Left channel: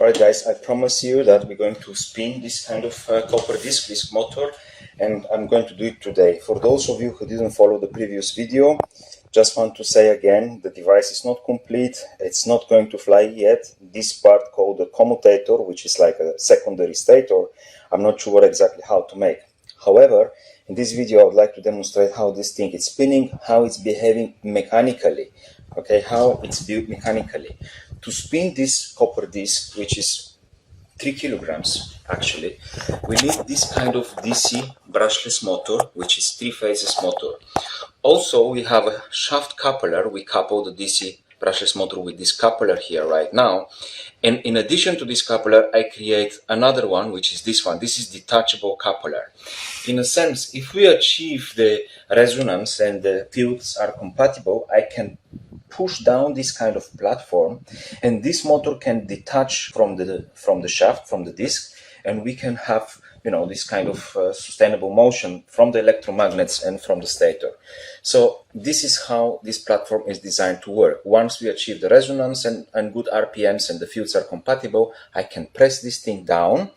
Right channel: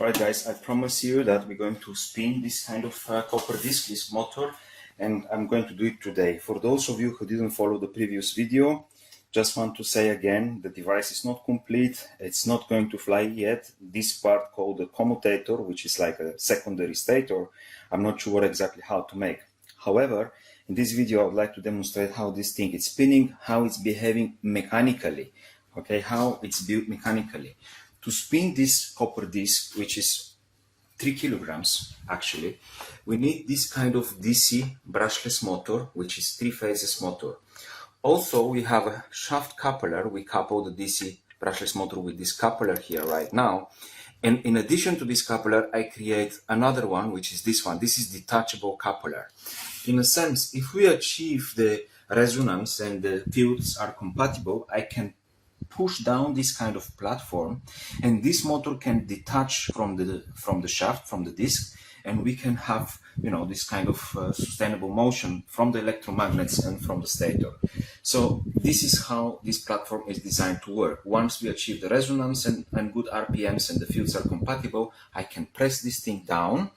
Alright guys, I promise you that we're going to spin this kind of copper disc, this motor, and I'm going to do it today. For those of you who didn't follow the previous video, just want to say again, the device is not complete, it's not going to fly yet. This part called the commutator, which is like a secondary stator, I'm not sure exactly how to make. However, in this video I would like to demonstrate how this thing is spinning, how it's behaving mechanically, okay, how it's built mechanically. To spin this copper disc, which is 3 kilograms actually, we need this kind of DC brushless motor, which is 3 phases motor. Also, we have a shaft coupler. We couple the DC brushless motor with this coupler here right now. And in addition to this coupler, I create another one, which is this one. This is detachable coupler. In a sense, if we achieve the resonance and the fields are compatible, I can push down this kind of platform, and this motor can detach from the shaft, from the disc, and we can have, you know, this kind of sustainable motion from the electromagnets and from the stator. So this is how this platform is designed to work. Once we achieve the resonance and good RPMs and the fields are compatible, I can press this thing down,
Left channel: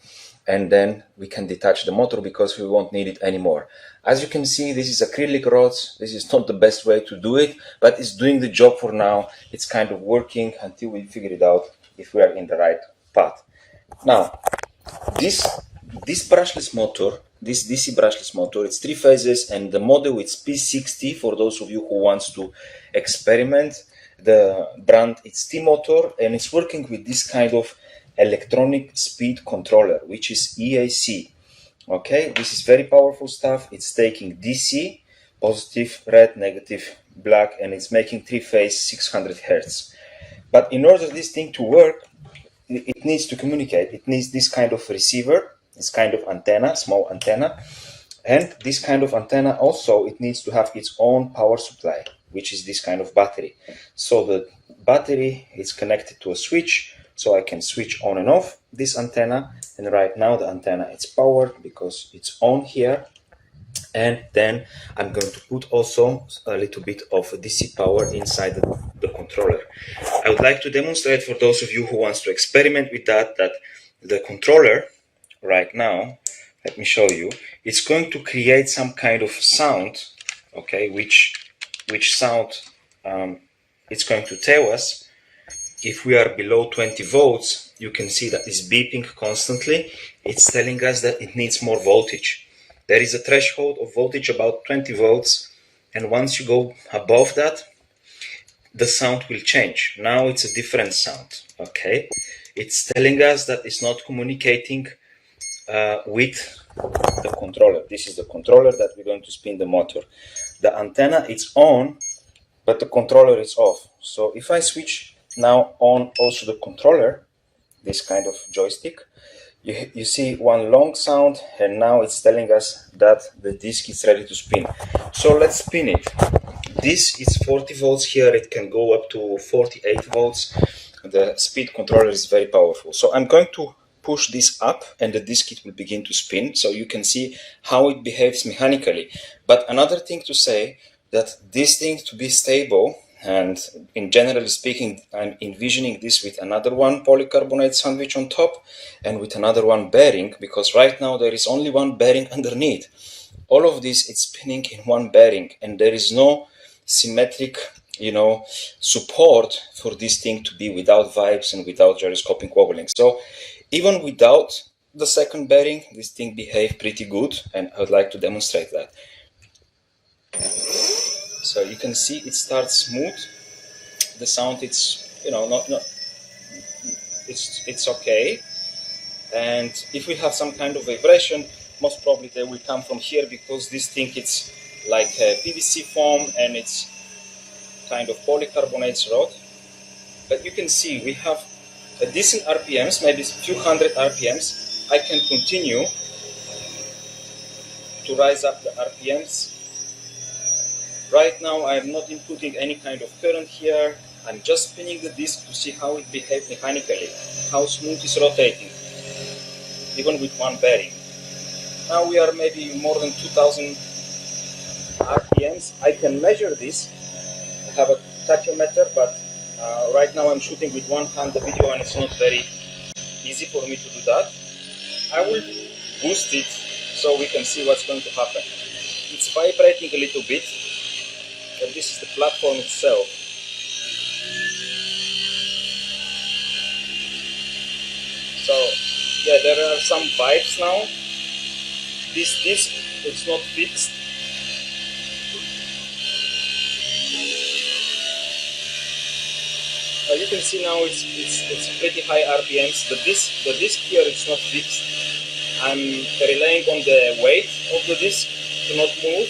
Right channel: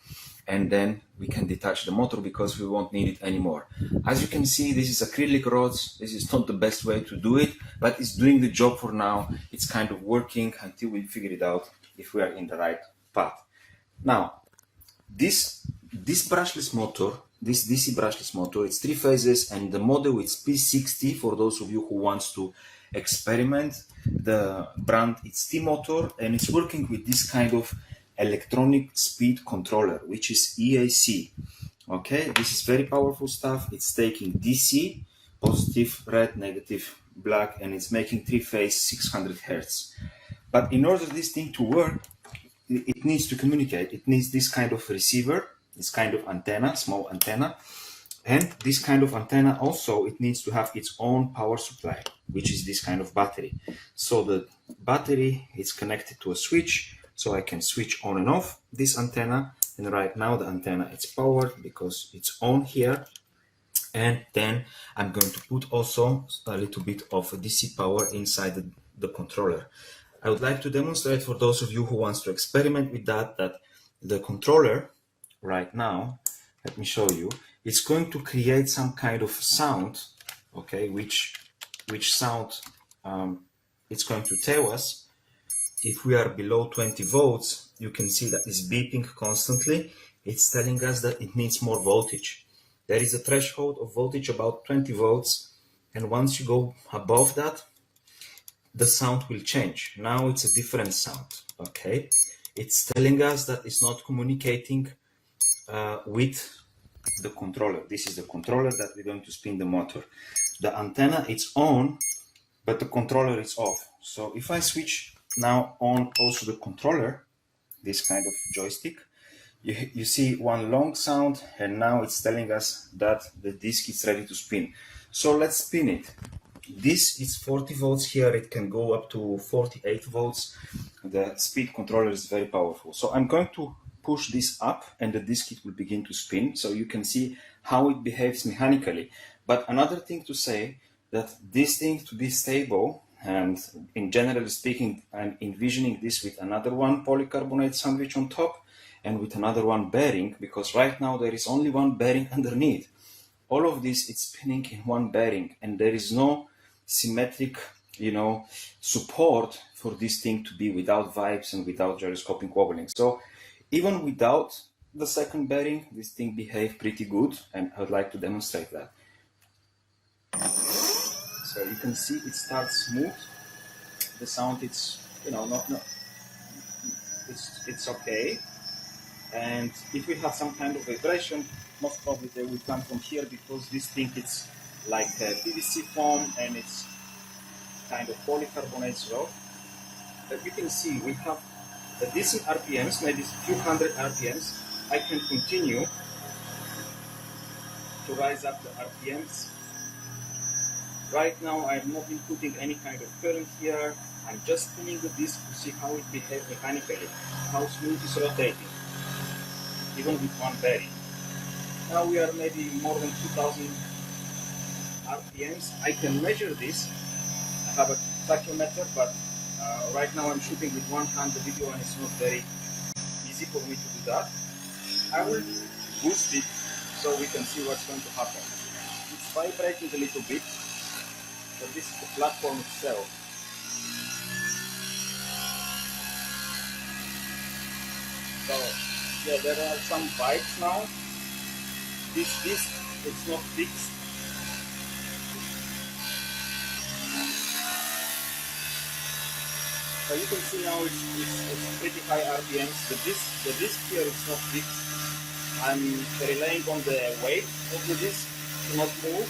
and then we can detach the motor because we won't need it anymore. As you can see, this is acrylic rods. This is not the best way to do it, but it's doing the job for now. It's kind of working until we figure it out if we are in the right path. Now, this brushless motor, this DC brushless motor, it's 3 phases, and the model is P60 for those of you who wants to experiment. The brand it's T-motor, and it's working with this kind of electronic speed controller, which is EAC. Okay, this is very powerful stuff. It's taking DC, positive, red, negative, black, and it's making 3-phase 600 Hertz. But in order for this thing to work, it needs to communicate. It needs this kind of receiver, this kind of antenna, small antenna, and this kind of antenna also, it needs to have its own power supply, which is this kind of battery. So the battery is connected to a switch, so I can switch on and off this antenna, and right now the antenna is powered because it's on here. And then I'm going to put also a little bit of DC power inside the controller. I would like to demonstrate for those of you who wants to experiment with that the controller right now, let me show you, it's going to create some kind of sound, okay, which sound it's going to tell us. If we are below 20 volts, you can see that it's beeping constantly. It's telling us that it needs more voltage. There is a threshold of voltage about 20 volts, and once you go above that, the sound will change. Now it's a different sound, okay? It's telling us that it's not communicating with the controller. This is the controller that we're going to spin the motor. The antenna is on, but the controller is off. So if I switch now on also the controller, this kind of joystick, you see one long sound, and now it's telling us that the disc is ready to spin. So let's spin it. This is 40 volts here, it can go up to 48 volts. The speed controller is very powerful. So I'm going to push this up, and the disc it will begin to spin, so you can see how it behaves mechanically. But another thing to say, that this thing to be stable, and in generally speaking, I'm envisioning this with another one polycarbonate sandwich on top and with another one bearing, because right now there is only one bearing underneath. All of this is spinning in one bearing, and there is no symmetric, you know, support for this thing to be without vibes and without gyroscopic wobbling. So even without the second bearing, this thing behaves pretty good, and I would like to demonstrate that. So you can see it starts smooth. The sound, it's, you know, it's okay. And if we have some kind of vibration, most probably they will come from here, because this thing it's like a PVC foam and it's kind of polycarbonate rod. But you can see we have a decent RPMs, maybe a few hundred RPMs. I can continue to rise up the RPMs. Right now I'm not inputting any kind of current here. I'm just spinning the disc to see how it behaves mechanically, how smooth it's rotating, even with one bearing. Now we are maybe more than 2000 RPMs. I can measure this. I have a tachyometer, but right now I'm shooting with one hand the video, and it's not very easy for me to do that. I will boost it so we can see what's going to happen. It's vibrating a little bit, but this is the platform itself. So yeah, there are some vibes now. This disc, it's not fixed. You can see now it's pretty high RPMs. The disc here is not fixed. I'm relying on the weight of the disc to not move,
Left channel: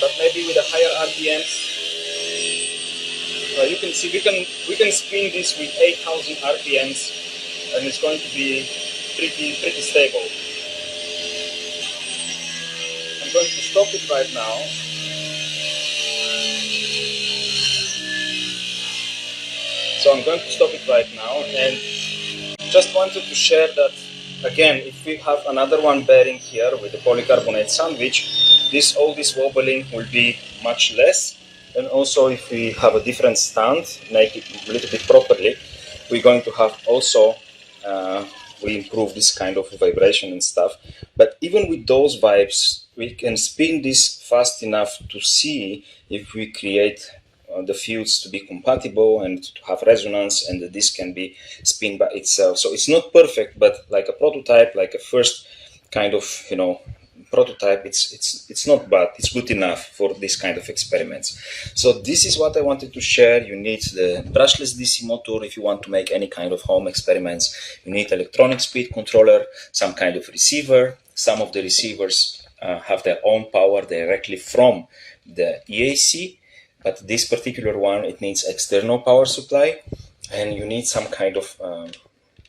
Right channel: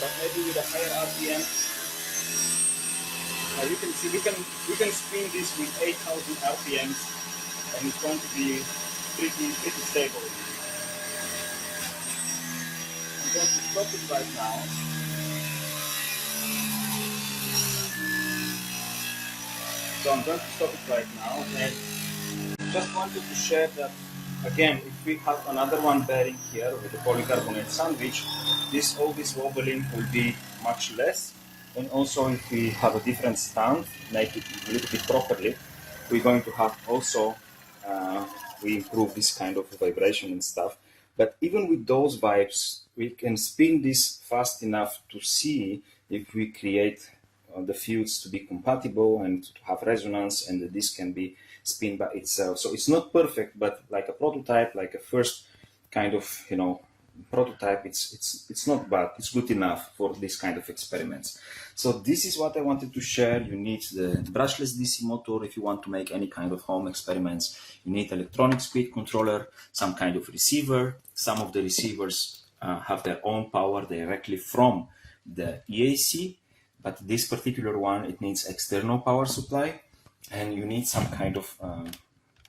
but maybe with a higher RPMs, you can see we can spin this with 8,000 RPMs, and it's going to be pretty stable. I'm going to stop it right now. So I'm going to stop it right now, and just wanted to share that again, if we have another one bearing here with the polycarbonate sandwich, all this wobbling will be much less. And also if we have a different stand, make it a little bit properly, we're going to have also, we improve this kind of vibration and stuff. But even with those vibes, we can spin this fast enough to see if we create the fields to be compatible and to have resonance, and the disc can be spin by itself. So it's not perfect, but like a prototype, like a first kind of, prototype, it's not bad. It's good enough for this kind of experiments. So this is what I wanted to share. You need the brushless DC motor if you want to make any kind of home experiments. You need electronic speed controller, some kind of receiver. Some of the receivers have their own power directly from the EAC, but this particular one, it needs external power supply, and you need some kind of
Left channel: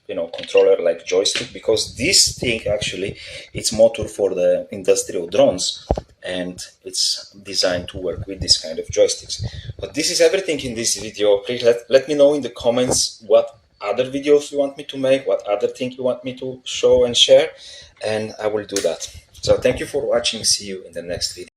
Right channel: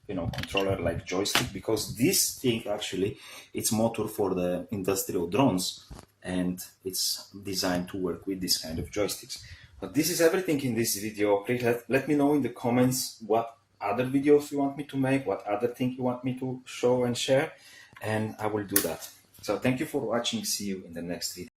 controller like joystick, because this thing actually, it's motor for the industrial drones, and it's designed to work with this kind of joysticks. But this is everything in this video. Please let me know in the comments what other videos you want me to make, what other thing you want me to show and share, and I will do that. So thank you for watching. See you in the next video.